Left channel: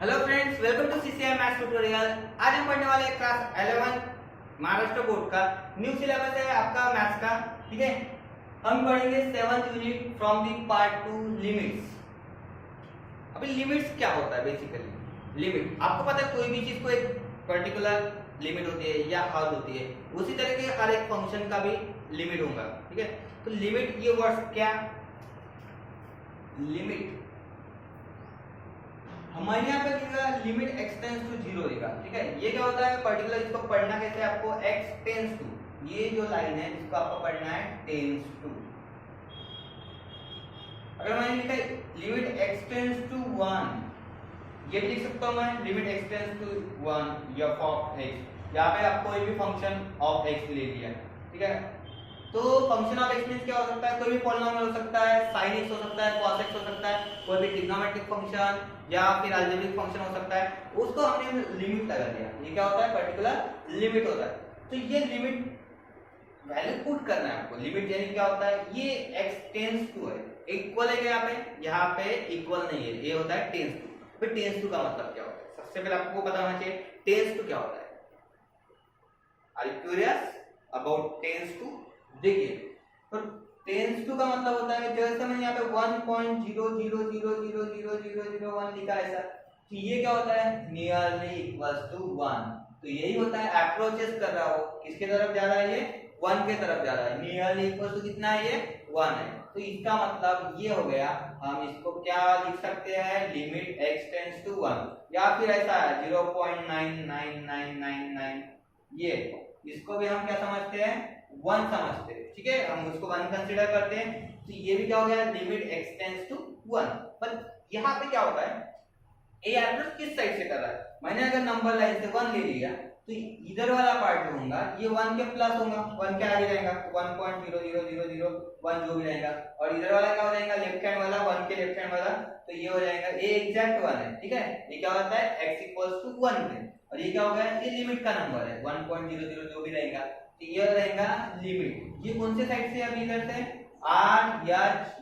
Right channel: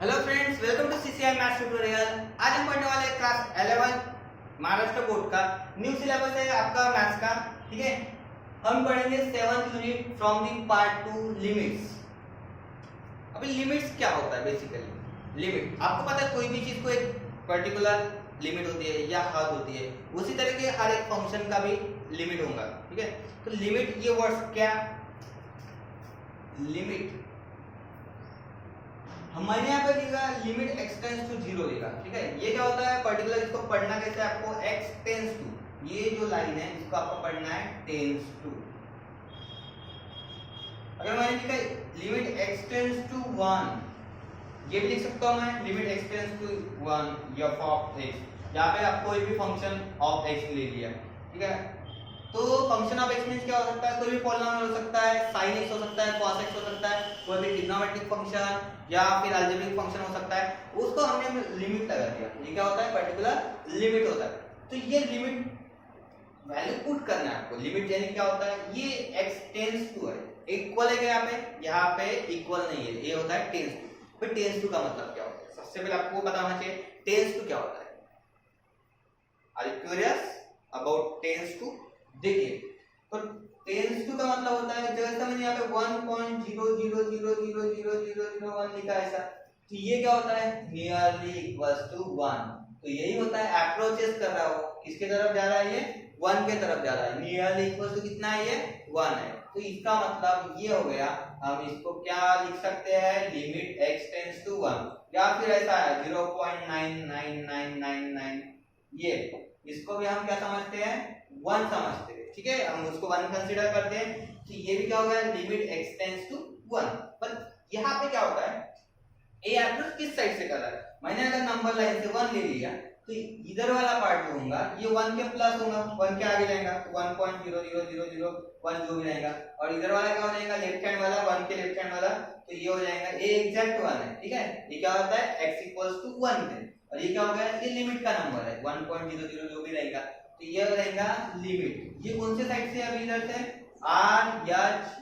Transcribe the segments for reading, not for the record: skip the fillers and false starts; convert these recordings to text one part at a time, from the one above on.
Hello friends, welcome to CCI maths tutorial. आज हम पढ़ने वाले हैं क्लास 11 महाराष्ट्र बोर्ड का न्यू सिलेबस है आपका मैथ्स का। ठीक है, हम पढ़ेंगे 7th unit from the part 2 limits. अभी लिमिट्स क्या होता है? बेसिकली लिमिट आपको पता है, कोई भी चीज को एक पर्टिकुलर लिमिट होती है या हद होती है, उसी तरह के हर एक फंक्शन का भी लिमिट होगा। ठीक है, तो लिमिट, ये वर्ड्स क्या, लिमिट हमारे यहाँ पे लिखा limit x tends to zero लिखा। ठीक है, ये क्या होता है पर्टिकुलर, इसको पढ़ना कैसे है आपको, एक्स टेंस टू, ये जो लाइन है इसको आपको पढ़ना है टेंस टू। अगर मैंने लिखा लिमिट एक्स टेंस टू 1, ये भी लिख सकता हूं मैं, limit x tends to 1 f of x. यहाँ पे आप कोई भी फंक्शन ऑफ एक्स ले लिया। ठीक है, तो फंक्शन ऑफ एक्स मींस क्या हो सकता है, कोई भी पॉलिनोमियल हो सकता है, sin x हो सकता है, cos x हो सकता है, कोई भी ट्रिग्नोमेट्रिक फंक्शन या फिर अलजेब्रिक फंक्शन हो सकता है, उसको हमने लिमिट लगा दिया। ये क्या होता है, पर्टिकुलर लिमिट होता है। तो ये लिमिट वैल्यू पुट करना है आपको। लिमिट यानी क्या होता है, ये x टेंस टू है, इक्वल है यहाँ पे इक्वल नहीं है, ये होता है टेंस टू। फिर टेंस टू का मतलब क्या होता है, सबसे पहले आपको पता होना चाहिए टेंस टू क्या होता है। Are you curious about tends to? देखिए, तो टेंस टू का मतलब होता है, जैसे मैंने यहाँ पे 1.00000001 लिखा है ऐसा, तो ये क्या होता है, नियरली इक्वल्स टू 1। तो यही होता है, अप्रोचेस कर रहा हो, किसके तरफ जा रहा है, ये 1 के तरफ जा रहा है। नियरली इक्वल्स टू कितना है, ये 1 है। तो इसका मतलब ये हो गया, हम इसको क्या लिख सकते हैं, लिमिट x टेंस टू 1, या फिर ऐसा है 0.99999, ये इसको भी हम क्या समझते हैं, 1 समझते हैं। ठीक है, हम उसको 1 कंसीडर करते हैं। तो ये भी क्या हो गया, लिमिट x टेंस टू 1। पर यहाँ पे क्या होता है, ए एप्रोच किस साइड से कर रहा है, मैंने अगर नंबर लाइन से 1 ले लिया तो इधर वाला पार्ट जो होगा ये 1 के प्लस होगा, 1 के आगे जाएगा 1.00001 जो भी रहेगा, और इधर वाला क्या हो जाएगा, लेफ्ट हैंड वाला 1 के लेफ्ट हैंड वाला, तो ये हो जाएगा ए एग्जैक्ट 1 है। ठीक है, ये क्या होता है, x इक्वल्स टू 1 पे, और ये क्या हो गया, ये लिमिट का नंबर है 1.00 जो भी रहेगा, तो ये रहेगा लिमिट। ये कौन से साइड से है, अभी इधर से आर एच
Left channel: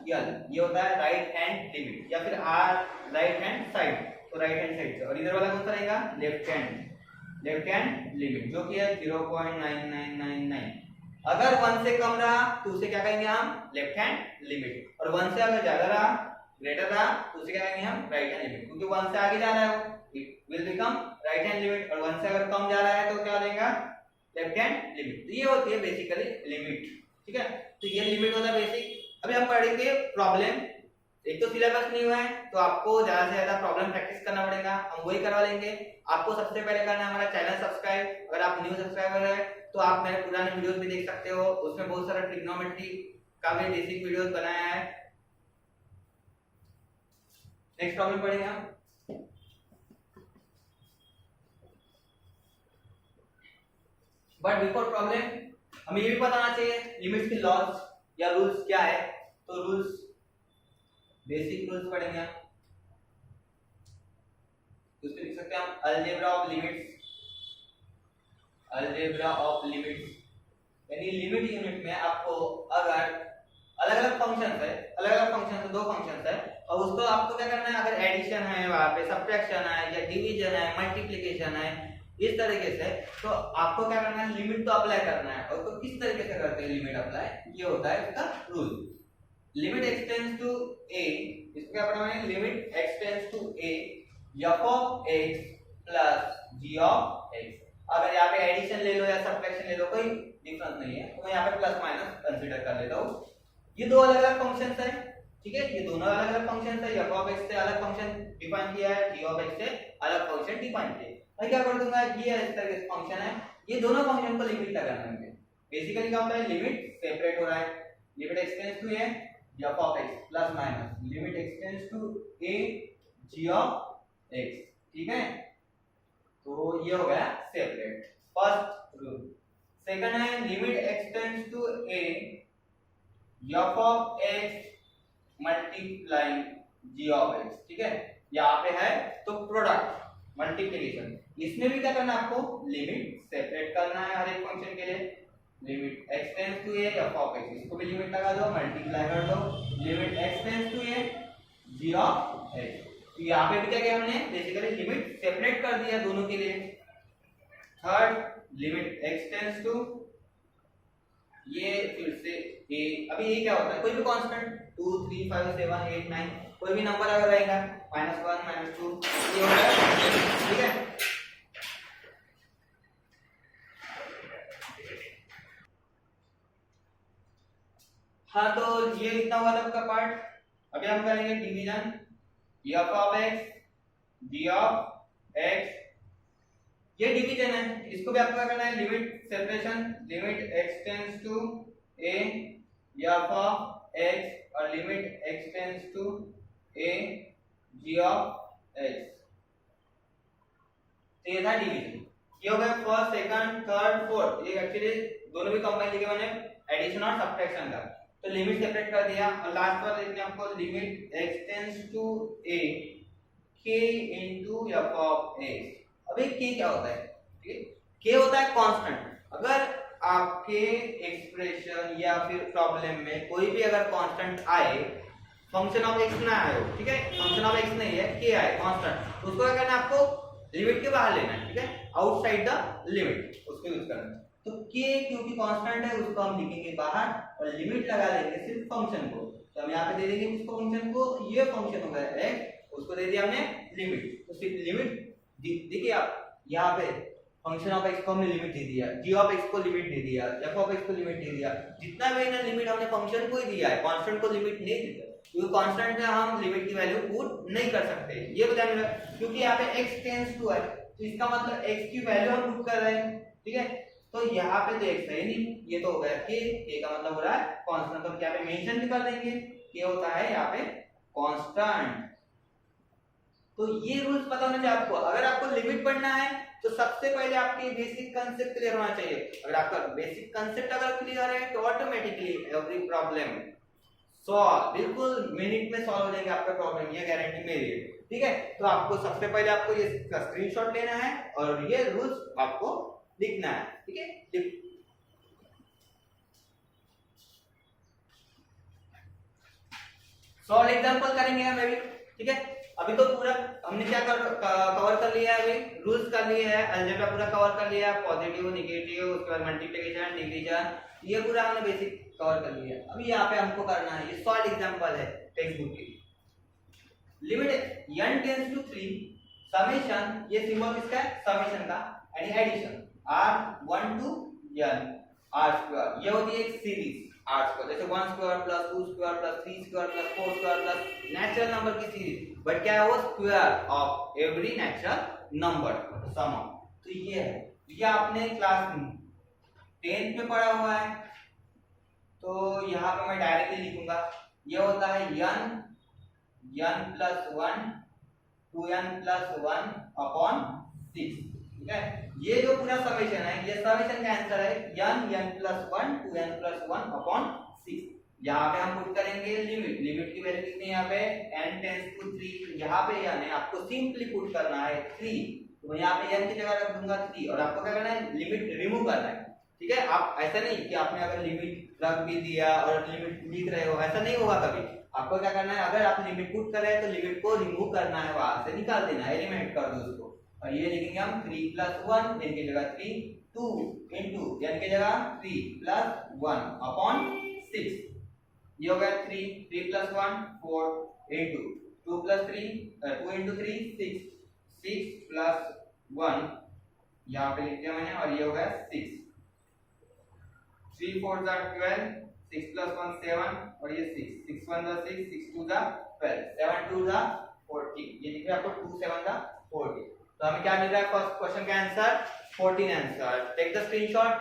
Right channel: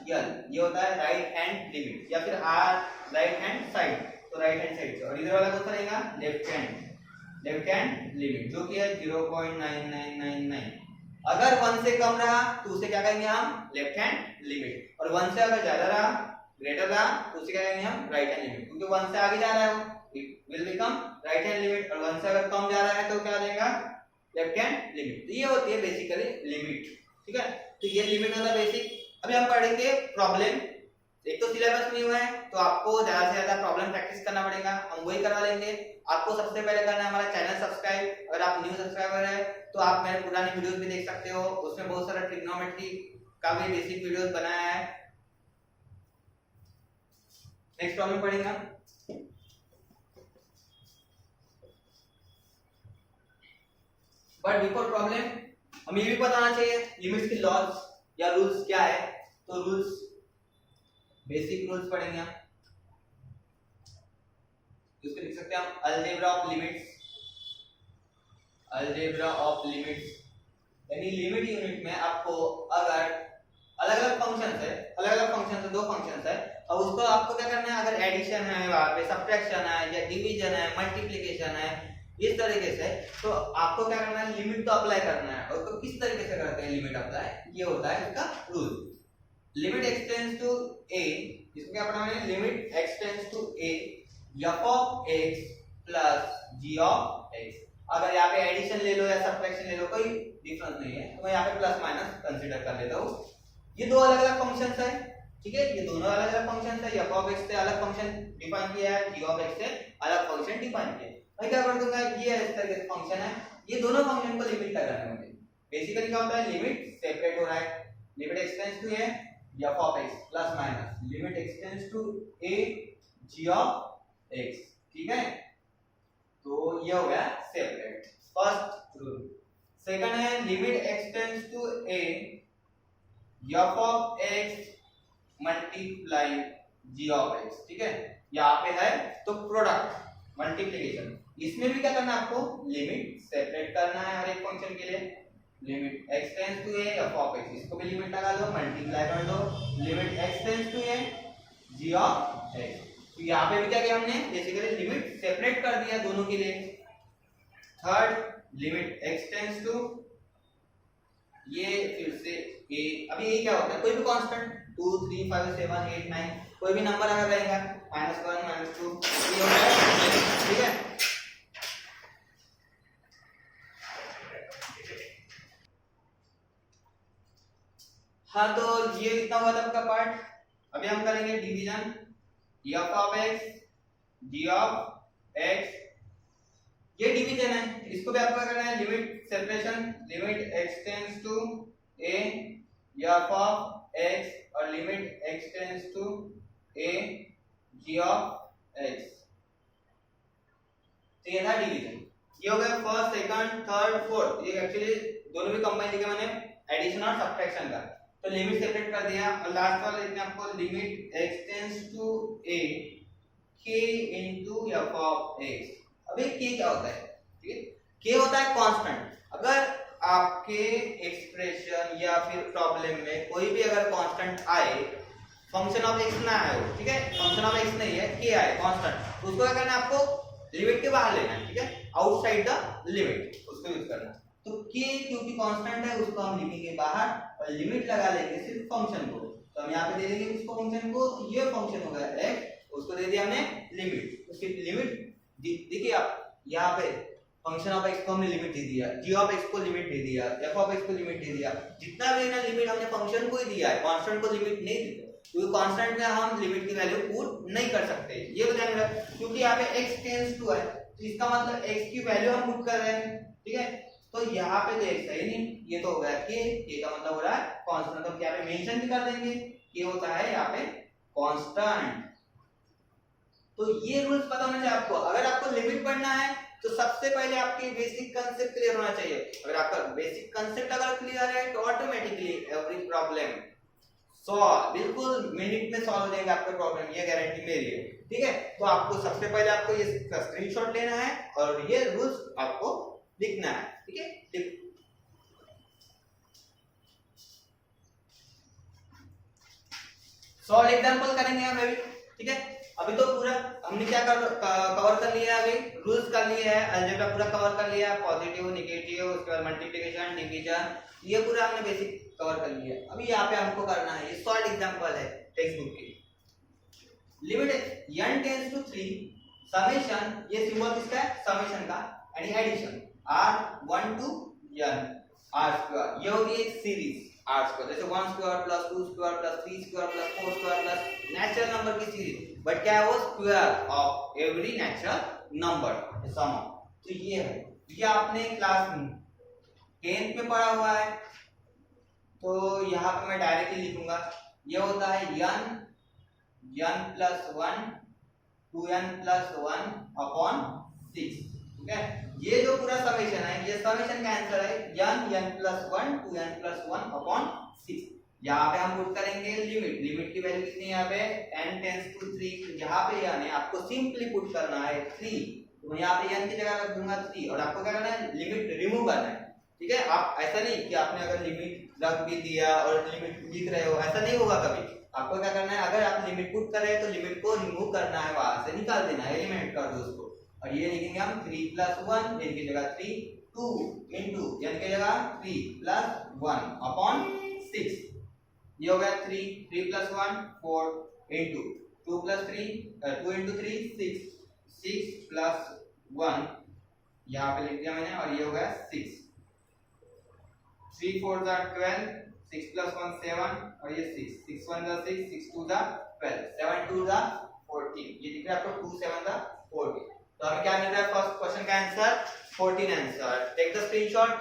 एल, ये होता है राइट हैंड लिमिट, या फिर आर राइट हैंड साइड, तो राइट हैंड साइड से, और इधर वाला कौन सा रहेगा, लेफ्ट हैंड लिमिट, जो कि है 0.9999। अगर 1 से कम रहा तो उसे क्या कहेंगे हम, लेफ्ट हैंड लिमिट, और 1 से अगर ज्यादा रहा, ग्रेटर रहा, तो उसे क्या कहेंगे हम, राइट हैंड लिमिट, क्योंकि 1 से आगे जा रहा है वो, it will become right hand limit, और 1 से अगर कम जा रहा है तो क्या देगा, लेफ्ट हैंड लिमिट। तो ये होती है बेसिकली लिमिट। ठीक है, तो ये लिमिट होता है बेसिक। अभी हम पढ़ेंगे प्रॉब्लम। एक तो सिलेबस नहीं हुआ है तो आपको ज्यादा से ज्यादा प्रॉब्लम प्रैक्टिस करना पड़ेगा, हम वही करवा लेंगे। आपको सबसे पहले करना है हमारा चैनल सब्सक्राइब। अगर आप न्यू सब्सक्राइबर है तो आप मेरे पुराने वीडियोस भी देख सकते हो, उसमें बहुत सारा ट्रिग्नोमेट्री का भी बेसिक वीडियोस बनाया है। नेक्स्ट प्रॉब्लम पढ़ेंगे हम। बट बिफोर प्रॉब्लम हमें ये भी पता होना चाहिए लिमिट्स की लॉज या रूल्स क्या है। तो रूल्स, बेसिक रूल्स पढ़ेंगे हम, उसको लिख सकते हैं हम algebra of limits. Algebra of limits यानी लिमिट यूनिट में आपको अगर अलग अलग फंक्शंस है, दो फंक्शंस है, और उसको आपको क्या करना है, अगर एडिशन है, वहां पे सब्ट्रैक्शन है या डिवीजन है, मल्टीप्लिकेशन है, इस तरीके से, तो आपको क्या करना है, लिमिट तो अप्लाई करना है। और तो किस तरीके से करते हैं लिमिट अप्लाई, ये होता है इसका rule. Limit x tends to a, इसको क्या पढ़ना है, limit x tends to a f of x plus g of x। अगर यहाँ पे एडिशन ले लो या सब्ट्रैक्शन ले लो, कोई डिफरेंस नहीं है, तो मैं यहाँ पे प्लस माइनस कंसीडर कर लेता हूँ। ये दो अलग अलग फंक्शंस है। ठीक है, ये दोनों अलग अलग फंक्शंस है, f ऑफ x से अलग फंक्शन डिफाइन किया है, g ऑफ x से अलग फंक्शन डिफाइन किया है। मैं क्या कर दूंगा, ये इस तरह के फंक्शन है, ये दोनों फंक्शन को लिमिट लगाना है मुझे। बेसिकली क्या होता है, लिमिट सेपरेट हो रहा है, limit x tends to a f of x plus minus limit x tends to a g of x। ठीक है, तो ये हो गया सेपरेट, फर्स्ट रूल। सेकंड है limit x tends to a f of x multiplying g of x। ठीक है, यहाँ पे है तो प्रोडक्ट मल्टीप्लिकेशन, इसमें भी क्या करना है आपको, लिमिट सेपरेट करना है हर एक फंक्शन के लिए। Limit x tends to a f of x, इसको भी लिमिट लगा दो, मल्टीप्लाई कर दो, limit x tends to a g of x। तो यहाँ पे भी क्या किया हमने, बेसिकली लिमिट सेपरेट कर दिया दोनों के लिए। Third, limit x tends to, ये फिर से a, अभी ये क्या होता है, कोई भी कांस्टेंट 2 3 5 7 8 9 कोई भी नंबर अगर रहेगा -1 -2 ये हो जाएगा, ठीक है। हाँ तो ये इतना हुआ था आपका पार्ट। अभी हम करेंगे division. f of x, g of x, ये डिवीजन है, इसको भी आपको क्या करना है, limit separation, limit x tends to a f of x और limit x tends to a g of x। तो ये था डिवीजन। ये हो गया फर्स्ट, सेकंड, थर्ड, फोर्थ, ये एक्चुअली दोनों भी कंबाइन किए मैंने एडिशन और सब्ट्रैक्शन का। तो लिमिट सेपरेट कर दिया और लास्ट वाला इसमें आपको limit x tends to a k into f of x। अभी k क्या होता है, ठीक है, k होता है कांस्टेंट। अगर आपके एक्सप्रेशन या फिर प्रॉब्लम में कोई भी अगर कांस्टेंट आए, फंक्शन ऑफ x ना आए हो, ठीक है, फंक्शन ऑफ x नहीं है, k आए कांस्टेंट, तो उसको क्या करना है, आपको लिमिट के बाहर लेना है, ठीक है, आउटसाइड द लिमिट उसको यूज करना है। तो k क्योंकि कांस्टेंट है उसको हम लिखेंगे बाहर और लिमिट लगा लेंगे सिर्फ फंक्शन को। तो हम यहाँ पे दे देंगे उसको फंक्शन को, ये फंक्शन होगा x, उसको दे दिया हमने लिमिट। तो सिर्फ लिमिट देखिए आप यहाँ पे फंक्शन ऑफ x को हमने लिमिट दे दिया, g ऑफ x को लिमिट दे दिया, f ऑफ x को लिमिट दे दिया, जितना भी ना लिमिट हमने फंक्शन को ही दिया है, कांस्टेंट को लिमिट नहीं दिया, क्योंकि कांस्टेंट में हम लिमिट की वैल्यू पुट नहीं कर सकते, ये बताने लगा। क्योंकि यहाँ पे x टेंड्स टू है तो इसका मतलब x की वैल्यू हम पुट कर रहे हैं, ठीक है। तो यहाँ पे तो x है नहीं, ये तो हो गया k का मतलब हो रहा है कांस्टेंट। तो यहाँ पे मेंशन भी कर देंगे k होता है यहाँ पे कांस्टेंट। तो ये रूल्स पता होना चाहिए आपको। अगर आपको लिमिट पढ़ना है तो सबसे पहले आपके बेसिक कांसेप्ट क्लियर होना चाहिए। अगर आपका बेसिक कांसेप्ट अगर क्लियर है तो ऑटोमेटिकली एवरी प्रॉब्लम सॉल्व, बिल्कुल मिनट में सॉल्व हो जाएगा आपका प्रॉब्लम, ये गारंटी मेरी है, ठीक है। तो आपको सबसे पहले आपको ये स्क्रीनशॉट लेना है और ये रूल्स आपको लिखना है, ठीक है। सॉल्व एग्जांपल करेंगे हम अभी, ठीक है। अभी तो पूरा हमने क्या कवर कर लिया है, अभी रूल्स कर लिए हैं, अलजेब्रा पूरा कवर कर लिया, पॉजिटिव नेगेटिव, उसके बाद मल्टीप्लिकेशन डिवीजन, ये पूरा हमने बेसिक कवर कर लिया। अभी यहाँ पे हमको करना है, ये सॉल्व एग्जांपल है टेक्स्ट बुक की। Limit n tends to 3 summation, ये सिंबल किसका है, समेशन का, यानी addition r1 to n r square, ये होती है एक सीरीज r स्क्वायर, जैसे 1 square plus 2 square plus 3 square plus 4 square plus natural number की सीरीज, बट क्या है वो square of every natural number sum. तो ये है, ये आपने क्लास 10th में पढ़ा हुआ है। तो यहाँ पे मैं डायरेक्टली लिखूंगा, ये होता है n plus 1 2n plus 1 upon 6, ठीक है। ये जो पूरा समेशन है, ये समेशन का आंसर है n plus 1 2n plus 1 upon 6। यहाँ पे हम पुट करेंगे लिमिट, लिमिट की वैल्यू कितनी है यहाँ पे n टेंड्स टू 3, यहाँ पे यानी आपको सिंपली पुट करना है 3, तो यहाँ पे n की जगह रख दूंगा 3 और आपको क्या करना है, लिमिट रिमूव करना है, ठीक है। आप ऐसा नहीं कि आपने अगर लिमिट रख भी दिया और लिमिट लिख रहे हो, ऐसा नहीं होगा कभी। आपको क्या करना है, अगर आप लिमिट पुट कर रहे हैं तो लिमिट को रिमूव करना है, वहां से निकाल देना है, एलिमिनेट कर दो उसको। और ये लिखेंगे हम 3 प्लस 1, n की जगह 3, 2 इनटू n की जगह 3 प्लस 1 अपॉन 6, ये हो गया 3 plus 1 4 into 2 plus 3 2 into 3 6 plus 1 यहाँ पे लिख दिया मैंने, और ये हो गया 6, 3 4 12, 6 plus 1 7 और ये 6 6 1 6 6 2 12 7 2 14, ये दिख रहा है आपको 2 7 14। तो हमें क्या मिल रहा है, फर्स्ट क्वेश्चन का answer 14 answer. Take the screenshot.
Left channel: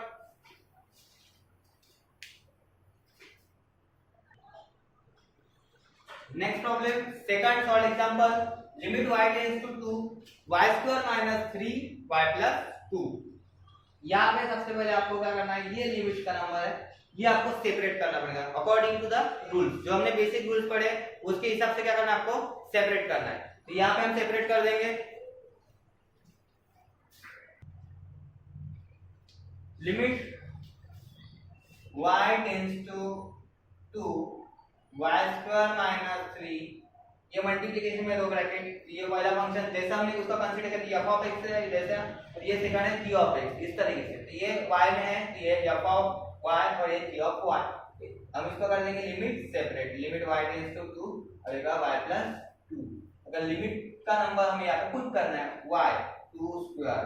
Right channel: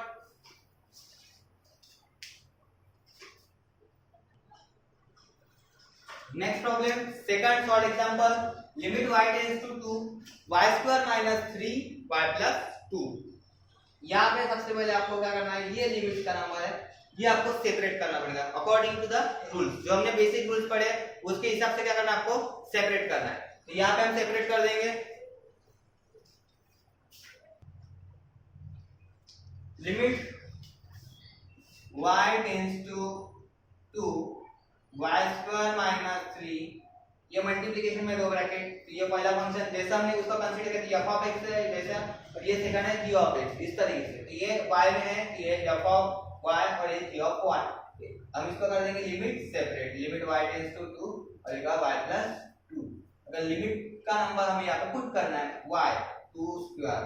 Next problem, second solve example. Limit y tends to 2 y square minus 3 y plus 2। यहाँ पे सबसे पहले आपको क्या करना है, ये लिमिट का नंबर है, ये आपको सेपरेट करना पड़ेगा अकॉर्डिंग टू द रूल्स, जो हमने बेसिक रूल्स पढ़े उसके हिसाब से क्या करना है, आपको सेपरेट करना है। तो यहाँ पे हम सेपरेट कर देंगे, limit y tends to 2 y square minus 3, ये मल्टीप्लिकेशन में दो ब्रैकेट, ये पहला फंक्शन जैसा हमने उसका कंसीडर कर दिया f ऑफ x है जैसा, और ये सेकंड है g ऑफ x इस तरीके से। तो ये y में है, ये f ऑफ y और ये g ऑफ y। हम इसको कर देंगे limit separate, limit y tends to 2 और ये y प्लस 2। अगर लिमिट का नंबर हमें यहाँ पे पुट करना है y 2 स्क्वायर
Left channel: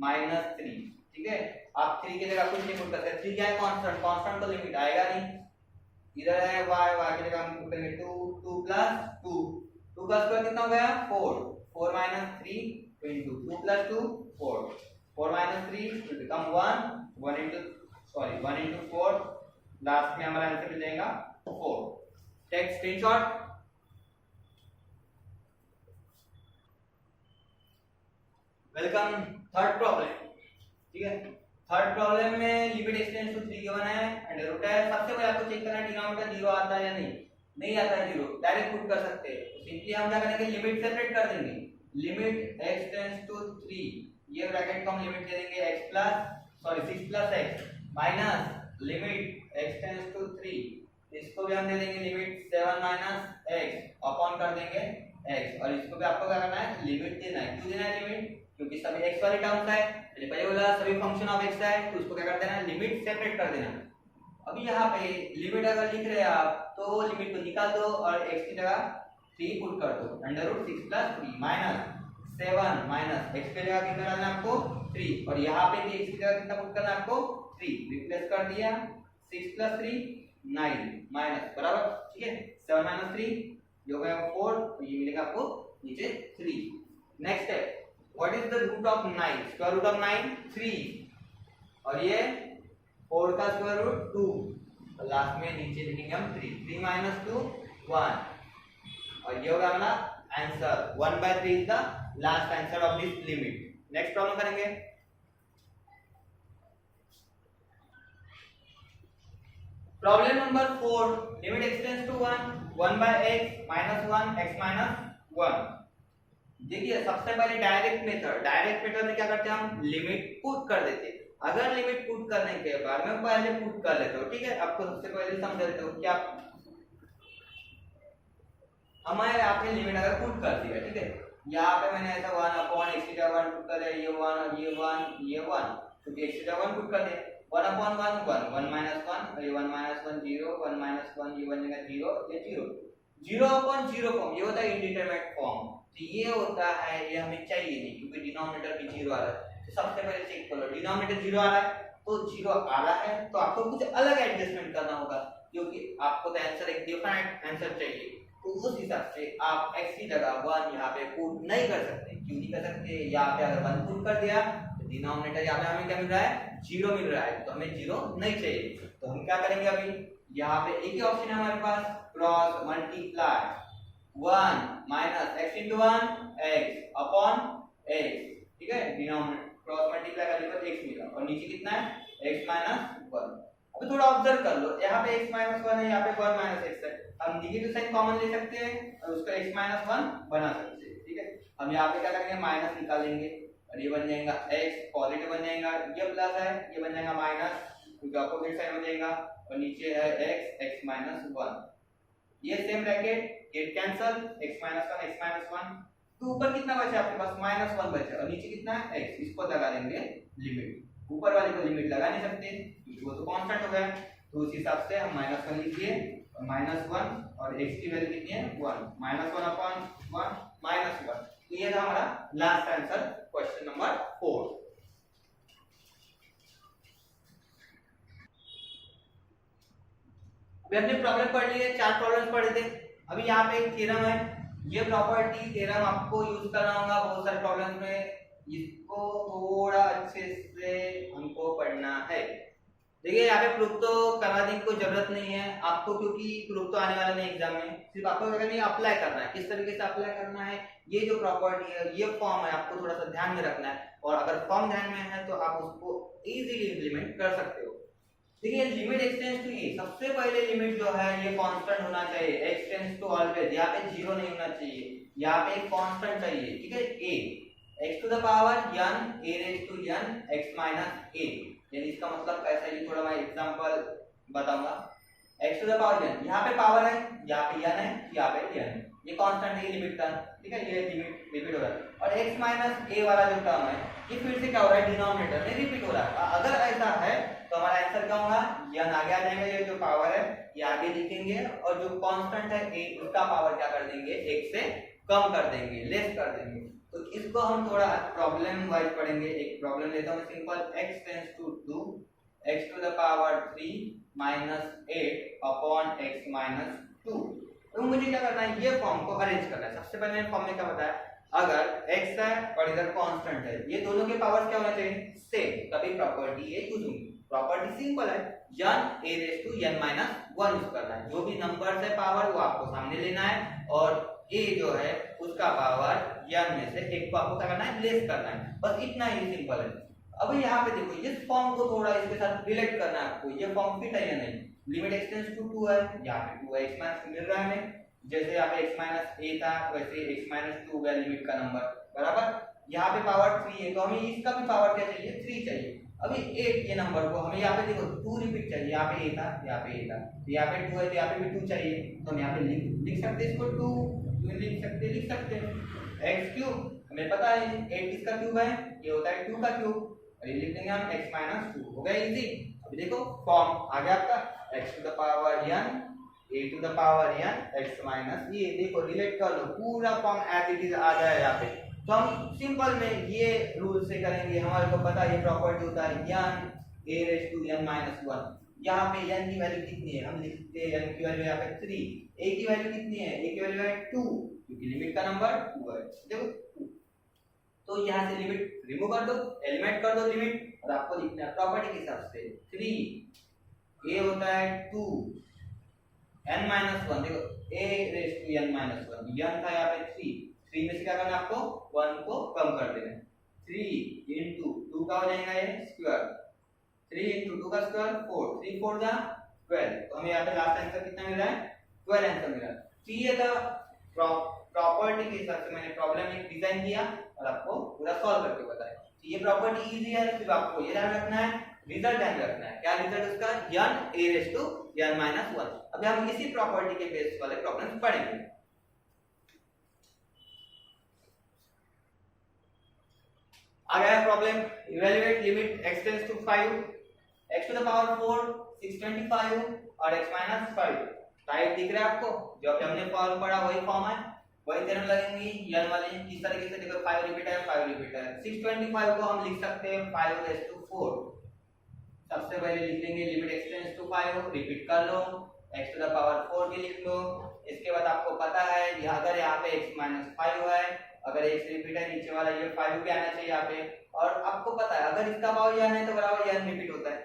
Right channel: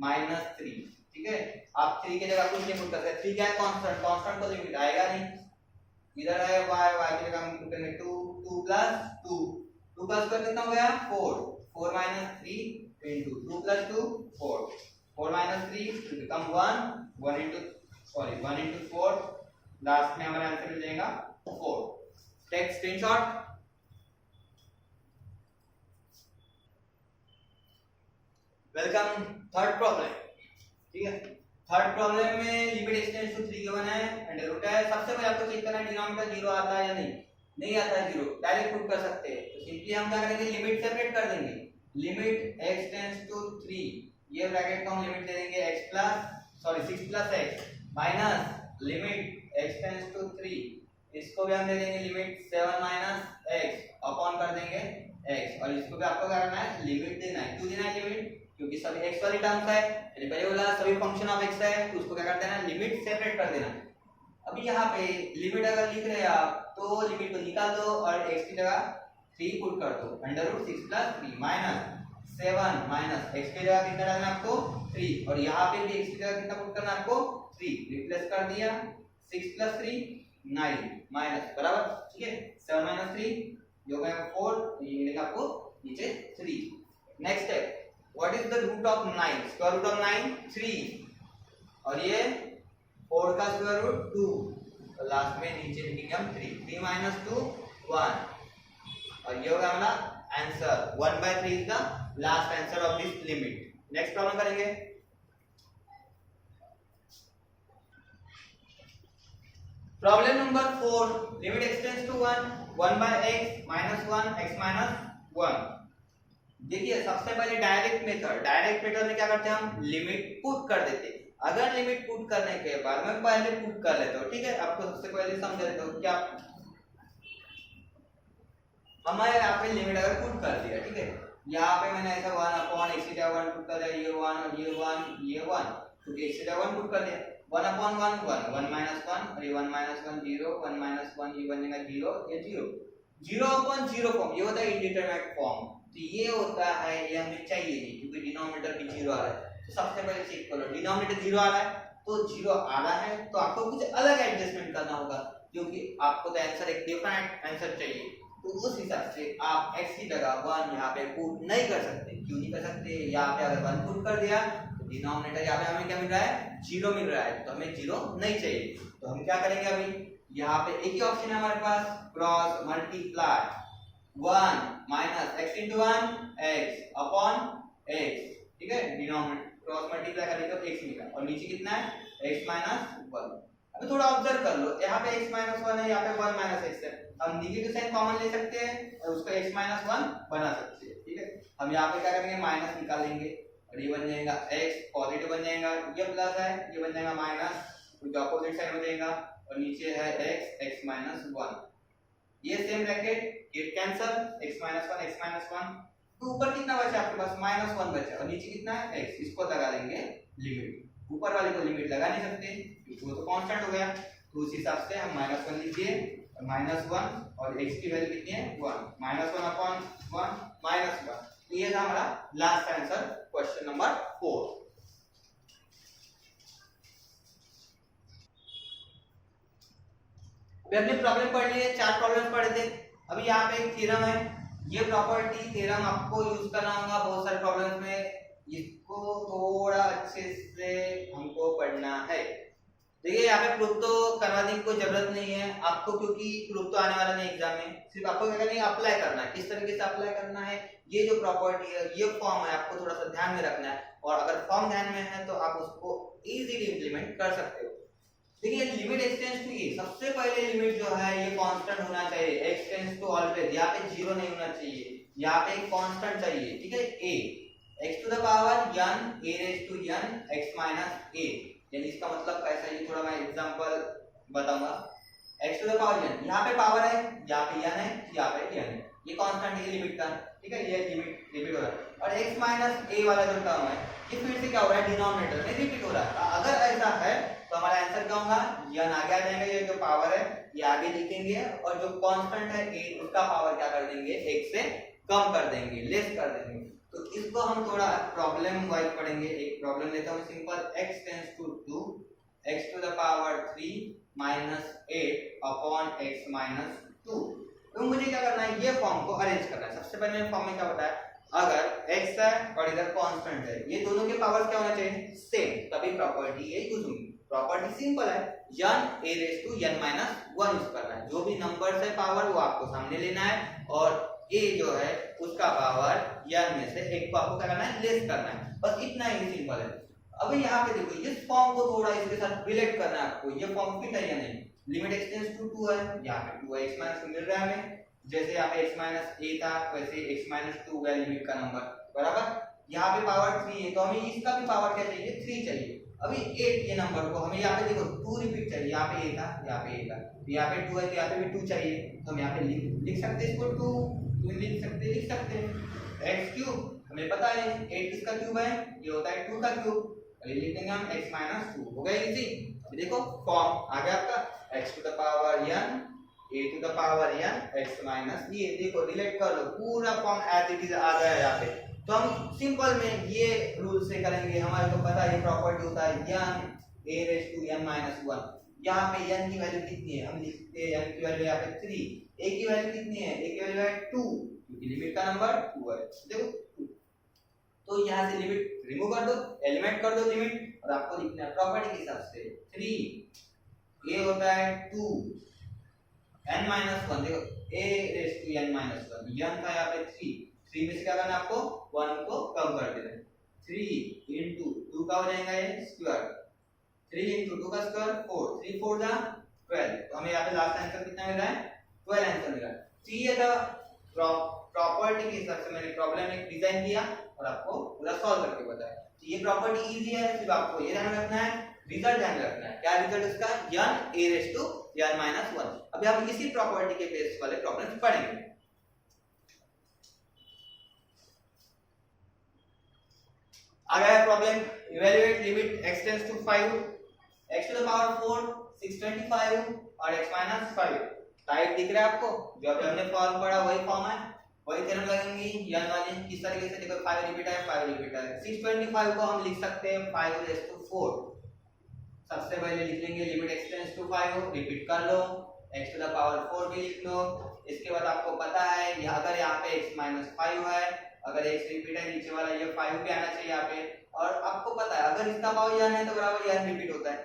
माइनस 3, ठीक है। आप 3 की जगह कुछ नहीं पुट कर सकते, 3 क्या है कांस्टेंट, कांस्टेंट को लिमिट आएगा नहीं। इधर है y की जगह हम पुट करेंगे 2 प्लस 2 का स्क्वायर कितना हो गया 4 minus 3 into 2 plus 2 4 minus 3 will become 1 into 4, last में हमारा आंसर मिल जाएगा 4। Take screenshot. Welcome third problem, ठीक है। थर्ड प्रॉब्लम में लिमिट एक्सटेंड्स टू 3 गिवन है, अंडर रूट है। सबसे पहले आपको चेक करना है डिनोमिनेटर 0 आता है या नहीं आता है 0, डायरेक्ट पुट कर सकते हैं। तो सिंपली हम क्या करेंगे, लिमिट सेपरेट कर देंगे, लिमिट x टेंड्स टू 3, ये ब्रैकेट को हम लिमिट दे देंगे 6 plus x minus limit x tends to 3, इसको भी हम दे देंगे लिमिट 7 माइनस x अपॉन कर देंगे x, और इसको भी आपको क्या करना है लिमिट देना है। क्यों देना है लिमिट, क्योंकि सभी x वाली टर्म्स है, पहले बोला सभी फंक्शन ऑफ x है, तो उसको क्या कर देना लिमिट सेपरेट कर देना। अभी यहाँ पे लिमिट अगर लिख रहे हैं आप तो लिमिट को निकाल दो और x की जगह 3 पुट कर दो, under root 6 plus 3 minus 7 minus x की जगह कितना डालना है आपको 3, और यहाँ पे भी x की जगह कितना पुट करना है आपको 3, रिप्लेस कर दिया 6 प्लस 3 9 माइनस बराबर, ठीक है 7 माइनस 3 जो हो गया 4, तो ये मिलेगा आपको नीचे 3। Next step, what is the root of 9, square root of 9 3, और ये 4 का स्क्वायर रूट 2, तो लास्ट में नीचे लिखेंगे हम 3 माइनस 2 1, और ये होगा हमारा answer 1/3 is the last answer of this limit. Next problem करेंगे। Problem number 4, limit x tends to 1/x minus 1 x minus 1। देखिए सबसे पहले डायरेक्ट मेथड में क्या करते हैं हम लिमिट पुट कर देते हैं। अगर लिमिट पुट करने के बाद मैं पहले पुट कर लेता हूँ, ठीक है, आपको सबसे पहले समझा देता हूँ क्या हमारे यहाँ पे लिमिट अगर पुट कर दिया, ठीक है, यहाँ पे मैंने ऐसा 1 अपॉन x की जगह 1 पुट कर दिया, ये 1 और ये 1 क्योंकि x की जगह 1 पुट कर दिया, 1 अपॉन 1 माइनस 1 और ये 1 माइनस 1 0, 1 माइनस 1 ये बनेगा 0, ये 0 अपॉन 0 फॉर्म, ये होता है इंडिटरमिनेट फॉर्म। तो ये होता है, ये हमें चाहिए नहीं क्योंकि डिनोमिनेटर भी 0 आ रहा है। तो सबसे पहले चेक करो डिनोमिनेटर 0 आ रहा है, तो 0 आ रहा है तो आपको कुछ अलग एडजस्टमेंट करना होगा, क्योंकि आपको तो आंसर एक डिफरेंट आंसर चाहिए। तो उस हिसाब से आप x की जगह 1 यहाँ पे पुट नहीं कर सकते। क्यों नहीं कर सकते, यहाँ पे अगर 1 पुट कर दिया तो डिनोमिनेटर यहाँ पे हमें क्या मिल रहा है 0 मिल रहा है, तो हमें 0 नहीं चाहिए। तो हम क्या करेंगे, अभी यहाँ पे एक ही ऑप्शन है हमारे पास, cross multiply 1 minus x into 1 x upon x, ठीक है, डिनोमिनेटर क्रॉस मल्टीप्लाई करेंगे तो x मिला, और नीचे कितना है x माइनस 1। अभी थोड़ा ऑब्जर्व कर लो, यहाँ पे x माइनस 1 है, यहाँ पे 1 माइनस x है, हम नेगेटिव साइन कॉमन ले सकते हैं और उसका x माइनस 1 बना सकते हैं, ठीक है। हम यहाँ पे क्या करेंगे माइनस निकालेंगे और ये बन जाएगा x, पॉजिटिव बन जाएगा, ये प्लस है ये बन जाएगा माइनस, क्योंकि अपोजिट साइड हो जाएगा, और नीचे है x माइनस 1, ये same bracket get cancel, x minus 1 तो ऊपर कितना बचा आपके पास माइनस 1 बचा, और नीचे कितना है x, इसको लगा लेंगे लिमिट। ऊपर वाली को लिमिट लगा नहीं सकते क्योंकि वो तो कांस्टेंट हो गया, तो उस हिसाब से हम माइनस 1 लिखिए और माइनस 1 और x की वैल्यू कितनी है 1, माइनस 1 अपॉन 1 माइनस 1। तो ये था हमारा लास्ट आंसर क्वेश्चन नंबर 4। अभी हमने प्रॉब्लम पढ़ लिए, 4 प्रॉब्लम्स पढ़े थे। अभी यहाँ पे एक थ्योरम है, ये प्रॉपर्टी थ्योरम आपको यूज करना होगा बहुत सारे प्रॉब्लम्स में, इसको थोड़ा अच्छे से हमको पढ़ना है। देखिए यहाँ पे प्रूफ तो करवाने की कोई जरूरत नहीं है आपको, क्योंकि प्रूफ तो आने वाला नहीं एग्जाम में, सिर्फ आपको क्या करना है अप्लाई करना है। किस तरीके से अप्लाई करना है, ये जो प्रॉपर्टी है ये फॉर्म है आपको थोड़ा सा ध्यान में रखना है, और अगर फॉर्म ध्यान में है तो आप उसको इजीली इंप्लीमेंट कर सकते हो। देखिए लिमिट एक्सटेंड्स टू ए, सबसे पहले लिमिट जो है ये कांस्टेंट होना चाहिए, एक्सटेंड्स टू ऑलवेज, यहाँ पे 0 नहीं होना चाहिए, यहाँ पे एक कांस्टेंट चाहिए, ठीक है, a x to the power n a raise to n x minus a। यानी इसका मतलब कैसा है, ये थोड़ा मैं एग्जांपल बताऊंगा। x to the power n, यहाँ पे पावर है, यहाँ पे n है, यहाँ पे n है, ये कांस्टेंट है, ये लिमिट टर्म, ठीक है, ये लिमिट हो रहा है। और x माइनस a वाला जो टर्म है ये फिर से क्या हो रहा है, डिनोमिनेटर में रिपीट हो रहा है। अगर ऐसा है तो हमारा आंसर क्या होगा, यन आगे आ जाएगा, ये जो पावर है ये आगे लिखेंगे और जो कांस्टेंट है a उसका पावर क्या कर देंगे, x से कम कर देंगे, लेस कर देंगे। तो इसको हम थोड़ा प्रॉब्लम वाइज पढ़ेंगे। एक प्रॉब्लम लेता हूं simple, x tends to 2 x to the power 3 minus 8 upon x minus 2। तो मुझे क्या करना है, ये फॉर्म को अरेंज करना है। सबसे पहले फॉर्म में क्या बताया, अगर x है और इधर कांस्टेंट है, ये दोनों के पावर क्या होना चाहिए, सेम, तभी प्रॉपर्टी ये यूज होगी। प्रॉपर्टी सिंपल है, n a raise to n minus 1 use करना है। जो भी नंबर्स है पावर वो आपको सामने लेना है और a जो है उसका पावर n में से एक को आपको क्या करना है, लेस करना है। बस इतना ही सिंपल है। अब यहाँ पे देखो इस फॉर्म को थोड़ा इसके साथ रिलेट करना है आपको, ये फॉर्म फिट है या नहीं। लिमिट x टेंड्स टू 2 है, यहाँ पे 2 है, x माइनस 2 मिल रहा है हमें, जैसे यहाँ पे x माइनस a था वैसे x माइनस 2 है लिमिट का नंबर, बराबर। यहाँ पे पावर 3 है तो हमें इसका भी पावर क्या चाहिए, 3 चाहिए। अभी 8 के नंबर को हमें यहाँ पे देखो 2 रिपीट चाहिए, यहाँ पे a था, यहाँ पे a था, यहाँ पे 2 है तो यहाँ पे भी 2 चाहिए। तो हम यहाँ पे लिख सकते हैं इसको 2 लिख सकते हैं। x क्यूब हमें पता है 8 किसका क्यूब है, ये होता है 2 का क्यूब, और ये लिख देंगे हम x माइनस 2। हो गया इजी। अभी देखो फॉर्म आ गया आपका, x to the power n a to the power n x minus, ये देखो रिलेट कर लो, पूरा फॉर्म एज इट इज आ गया यहाँ पे। तो हम सिंपल में ये रूल से करेंगे, हमारे को पता है ये प्रॉपर्टी होता है n a raise to n minus 1। यहाँ पे n की वैल्यू कितनी है, हम लिखते हैं n की वैल्यू यहाँ पे 3, a की वैल्यू कितनी है, a की वैल्यू है 2, क्योंकि लिमिट का नंबर 2 है, देखो 2। तो यहाँ से लिमिट रिमूव कर दो, एलिमिनेट कर दो लिमिट, और आपको लिखना है प्रॉपर्टी के हिसाब से 3 a होता है 2 n माइनस 1, देखो a raise to n minus 1, n था यहाँ पे 3 में से क्या करना है आपको, 1 को कम कर देना है। 3 into 2 का हो जाएगा ये स्क्वायर, 3 into 2 का स्क्वायर 4, 3 4 जा 12। तो हमें यहाँ पे लास्ट आंसर कितना मिल रहा है, 12 आंसर मिल रहा है। तो ये था प्रॉपर्टी के हिसाब से मैंने प्रॉब्लम एक डिजाइन किया और आपको पूरा सॉल्व करके बताया। तो ये प्रॉपर्टी इजी है, सिर्फ आपको ये ध्यान रखना है, रिजल्ट ध्यान रखना है। क्या रिजल्ट उसका, n a raise to n minus 1। अभी हम इसी प्रॉपर्टी के बेस वाले प्रॉब्लम्स पढ़ेंगे। आ गया problem, evaluate limit x tends to 5 x to the power 4 625 और x माइनस 5। टाइप दिख रहा है आपको, जो अभी हमने फॉर्म पढ़ा वही फॉर्म है, वही थ्योरम लगेंगी n वाली। किस तरीके से देखो 5 रिपीट है, 5 रिपीट है। 625 को हम लिख सकते हैं 5 रेज़ टू 4। सबसे पहले लिख लेंगे limit x tends to 5, repeat कर लो, x टू द पावर 4 भी लिख लो। इसके बाद आपको पता है अगर यहाँ पे x माइनस 5 है, अगर x रिपीट है नीचे वाला, ये 5 भी आना चाहिए यहाँ पे। और आपको पता है अगर इसका पावर n है तो बराबर n रिपीट होता है,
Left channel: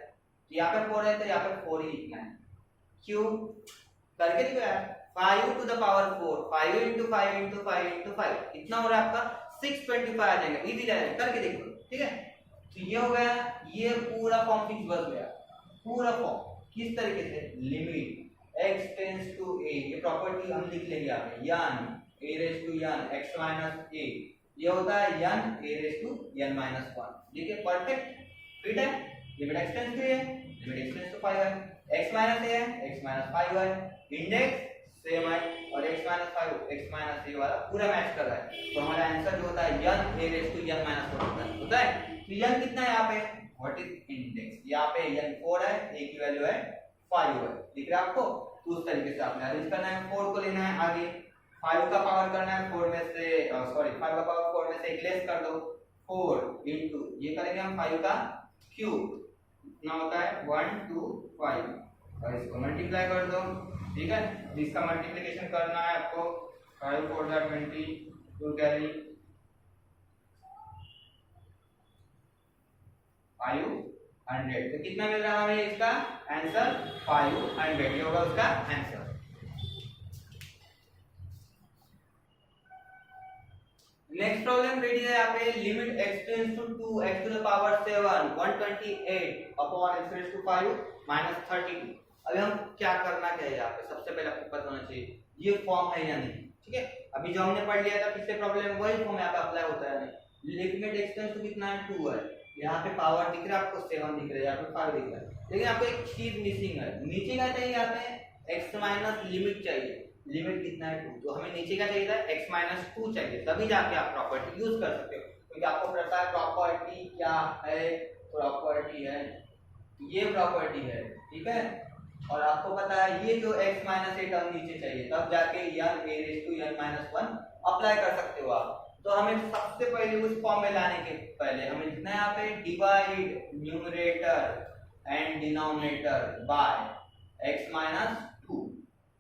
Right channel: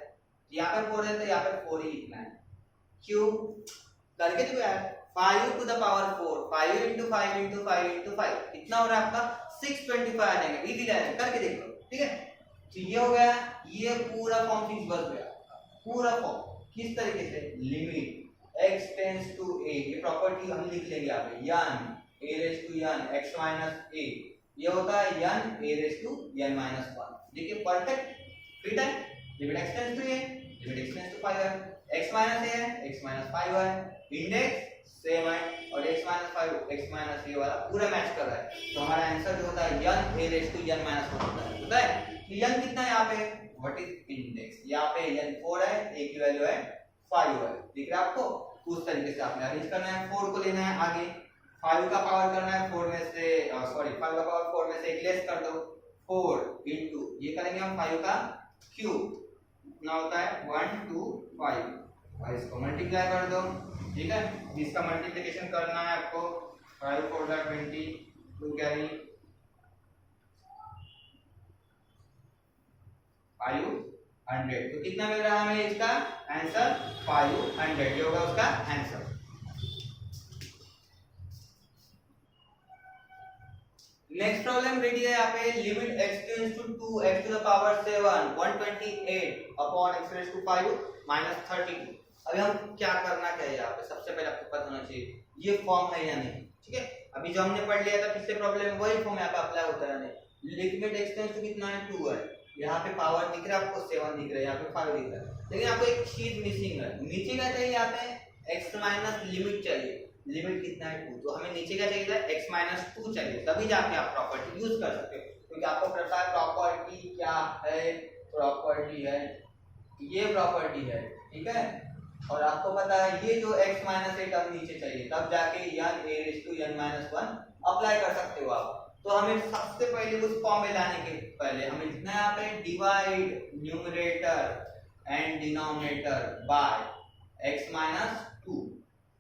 यहाँ पे 4 है तो यहाँ पे 4 ही लिखना है। क्यों करके देखो यार, 5 to the power 4, 5 into 5 into 5 into 5 कितना हो रहा है आपका, 625 आ जाएगा। इजी जाएगा, करके देखो, ठीक है। तो ये हो गया, ये पूरा फॉर्म फिक्स बन गया, पूरा फॉर्म किस तरीके से, limit x tends to a, ये प्रॉपर्टी हम लिख लेंगे यहाँ पे, n a raise to n x minus a, ये होता है n a raise to n minus 1। देखिए परफेक्ट फिट है, limit x tends to a, limit x tends to 5 है, x माइनस a है, x माइनस 5 है, इंडेक्स सेम है और x minus 5 x minus a वाला पूरा मैच कर रहा है। तो हमारा आंसर जो होता है n a raise to n minus 1 होता है। तो n कितना है यहाँ पे, व्हाट इज इंडेक्स, यहाँ पे n 4 है, a की वैल्यू है 5 है, दिख रहा है आपको। उस तरीके से आपने अरेंज करना है, 4 को लेना है आगे, 5 का पावर करना है 4 में से, सॉरी 5 का पावर 4 में से एक लेस कर दो, 4 into ये करेंगे हम 5 का क्यूब, कितना होता है 1 2 5, और इसको मल्टीप्लाई कर दो, ठीक है। इसका मल्टीप्लिकेशन करना है आपको, 5 4 जा 20, 2 कैरी 500। तो कितना मिल रहा है हमें इसका आंसर, 500, ये होगा उसका आंसर। नेक्स्ट प्रॉब्लम रेडी है यहाँ पे, limit x tends to 2 x to the power 7 128 upon x raise to 5 minus 32। अभी हम क्या करना क्या है यहाँ पे, सबसे पहले आपको पता होना चाहिए ये फॉर्म है या नहीं, ठीक है। अभी जो हमने पढ़ लिया था पिछले प्रॉब्लम, वही फॉर्म यहाँ पे अप्लाई होता है या नहीं। लिमिट x टेंड्स टू कितना है, 2 है, यहाँ पे पावर दिख रहा है आपको 7 दिख रहा है, यहाँ पे 5 दिख रहा है, लेकिन आपको एक चीज मिसिंग है, नीचे क्या चाहिए यहाँ पे x माइनस लिमिट चाहिए। लिमिट कितना है 2, तो हमें नीचे क्या चाहिए था x-2 चाहिए, तभी जाके आप प्रॉपर्टी यूज कर सकते हो, क्योंकि आपको पता है प्रॉपर्टी क्या है, प्रॉपर्टी है ये प्रॉपर्टी है, ठीक है। और आपको पता है ये जो x-a टर्म नीचे चाहिए, तब जाके n(a)(n-1) अप्लाई कर सकते हो आप। तो हमें सबसे पहले उस फॉर्म में लाने के पहले हमें लिखना है यहाँ पे divide numerator and denominator by x-2।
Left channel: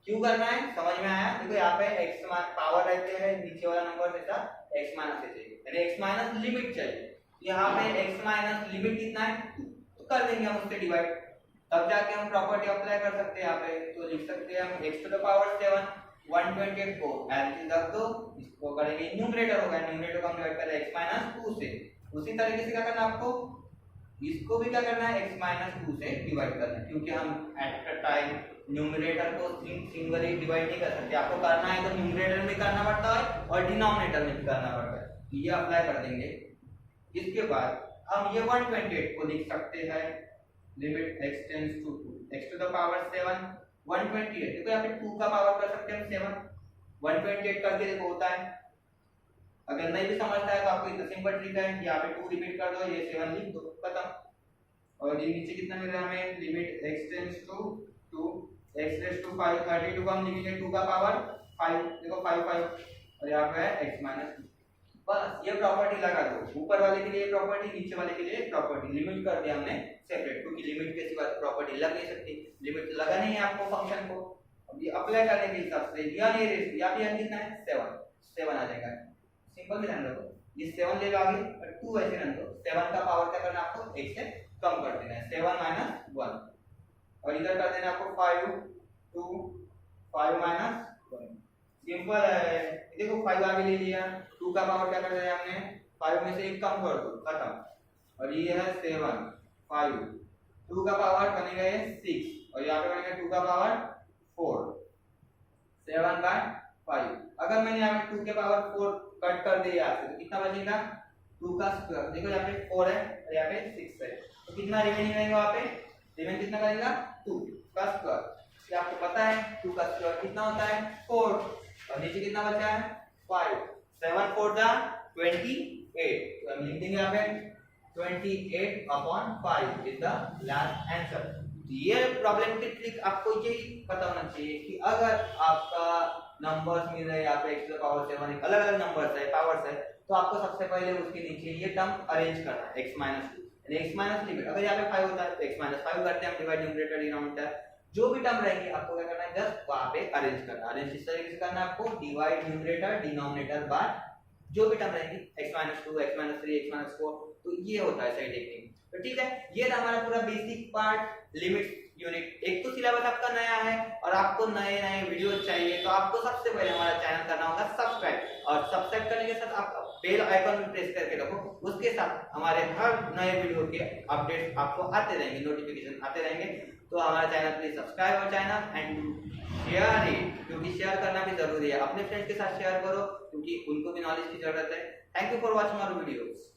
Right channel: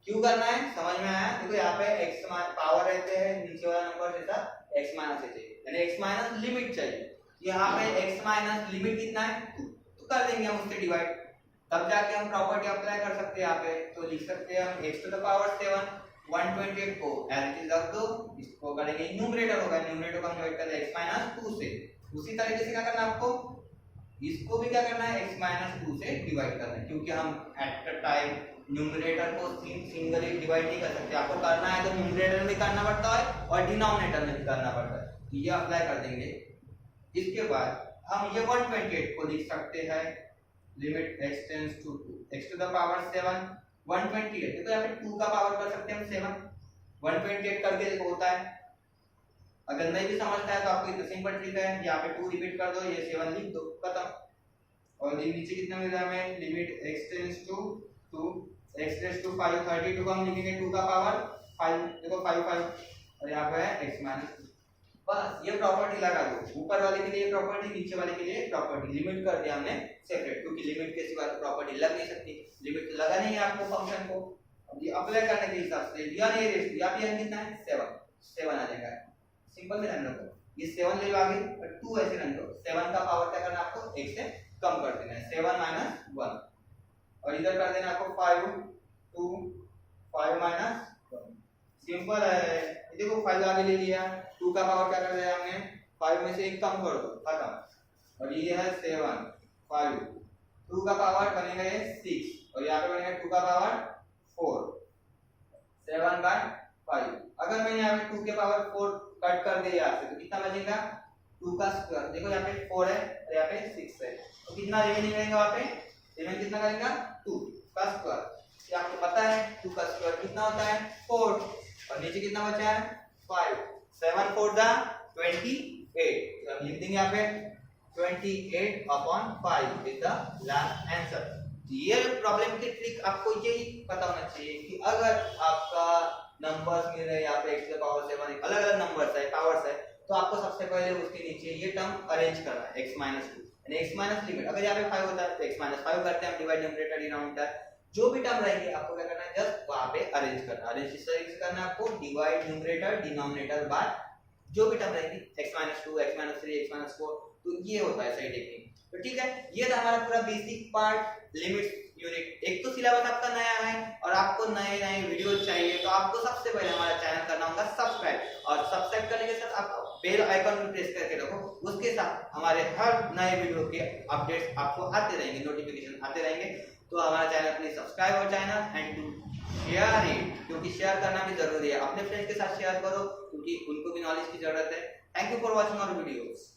क्यों करना है समझ में आया? देखो यहाँ पे x पावर रहते हैं, नीचे वाला नंबर देता x- से चाहिए, यानी x- लिमिट चाहिए। यहाँ पे x- लिमिट कितना है 2, तो कर देंगे हम उससे डिवाइड, तब जाके हम प्रॉपर्टी अप्लाई कर सकते हैं यहाँ पे। तो लिख सकते हैं हम x⁻7 128 को एज इट रख दो, इसको करेंगे न्यूमरेटर होगा, न्यूमरेटर को हम डिवाइड करें x-2 से। उसी तरीके से क्या करना है आपको, इसको भी क्या करना है x-2 से डिवाइड करना है, क्योंकि हम एट अ टाइम न्यूमरेटर को सिंगली डिवाइड नहीं कर सकते, आपको करना है तो न्यूमरेटर में करना पड़ता है और डिनोमिनेटर में भी करना पड़ता है, तो ये अप्लाई कर देंगे। इसके बाद हम ये 128 को लिख सकते हैं limit x tends to 2 x⁻7 128, देखो यहाँ पे 2 का पावर कर सकते हैं हम 7, 128 करके देखो होता है। अगर नहीं भी समझता है तो आपको इतना सिंपल ट्रिक है, यहाँ पे 2 रिपीट कर दो, ये 7 लिख दो, खत्म। और ये नीचे कितना मिल रहा है हमें, limit x tends to 2 x⁵5 32 को हम लिखेंगे 2 का पावर 5, देखो 5 और यहाँ पे है x-2। बस ये प्रॉपर्टी लगा दो, ऊपर वाले के लिए प्रॉपर्टी, नीचे वाले के लिए प्रॉपर्टी, लिमिट कर दिया हमने सेपरेट, क्योंकि लिमिट के सिवा प्रॉपर्टी लग नहीं सकती, लिमिट लगा नहीं है आपको फंक्शन को। अब ये अप्लाई करने के हिसाब से यहाँ पे कितना है 7 आ जाएगा, सिंपल ध्यान रखो, ये 7 ले लो आगे और 2 ऐसे रन करो, 7 का पावर क्या करना है आपको 1 से कम कर देना है, 7 - 1, और इधर कर देना आपको 5 2 5 - 1, सिंपल है। देखो 5 आगे ले लिया, 2 का पावर क्या कर दिया हमने 5 में से 1 कम कर दो, खत्म। और ये है 7 5 2 का पावर बनेगा ये 6, और यहाँ पे बनेगा 2 का पावर 4 7/5। अगर मैंने यहाँ पे 2 के पावर 4 कट कर दिया यहाँ से तो कितना बचेगा 2 का स्क्वायर, देखो यहाँ पे 4 है और यहाँ पे 6 है, तो कितना रिमेनिंग रहेगा वहाँ पे, रिमेनिंग कितना करेगा 2 का स्क्वायर। ये आपको पता है 2 का स्क्वायर कितना होता है 4, और नीचे कितना बचा है 5, 7 4 दा 28, तो हम लिख देंगे यहाँ पे 28/5 इज द लास्ट आंसर। ये प्रॉब्लम की ट्रिक आपको यही पता होना चाहिए कि अगर आपका नंबर्स मिल रहे हैं यहाँ पे x⁻7 अलग अलग नंबर्स है पावर्स है, तो आपको सबसे पहले उसके नीचे ये टर्म अरेंज करना है x-2, यानी x- लिमिट, अगर यहाँ पे 5 होता है तो x-5 करते हैं हम, डिवाइड न्यूमरेटर डिनोमिनेटर, जो भी टर्म रहेंगे आपको क्या करना है जस्ट वहां पे अरेंज करना है। अरेंज इस तरीके से करना है आपको, डिवाइड न्यूमरेटर डिनोमिनेटर बाय जो भी टर्म रहेंगी x-2 x-3 x-4, तो ये होता है सही टेक्निक। तो ठीक है, ये था हमारा पूरा बेसिक पार्ट लिमिट्स यूनिट। एक तो सिलेबस आपका नया है और आपको नए नए वीडियो चाहिए, तो आपको सबसे पहले हमारा चैनल करना होगा सब्सक्राइब, और सब्सक्राइब करने के साथ आप बेल आइकन भी प्रेस करके रखो, उसके साथ हमारे हर नए वीडियो के अपडेट्स आपको आते रहेंगे, नोटिफिकेशन आते रहेंगे। तो हमारा channel please subscribe our channel and do share it, क्योंकि शेयर करना भी जरूरी है, अपने फ्रेंड्स के साथ शेयर करो क्योंकि उनको भी नॉलेज की जरूरत है। Thank you for watching our videos.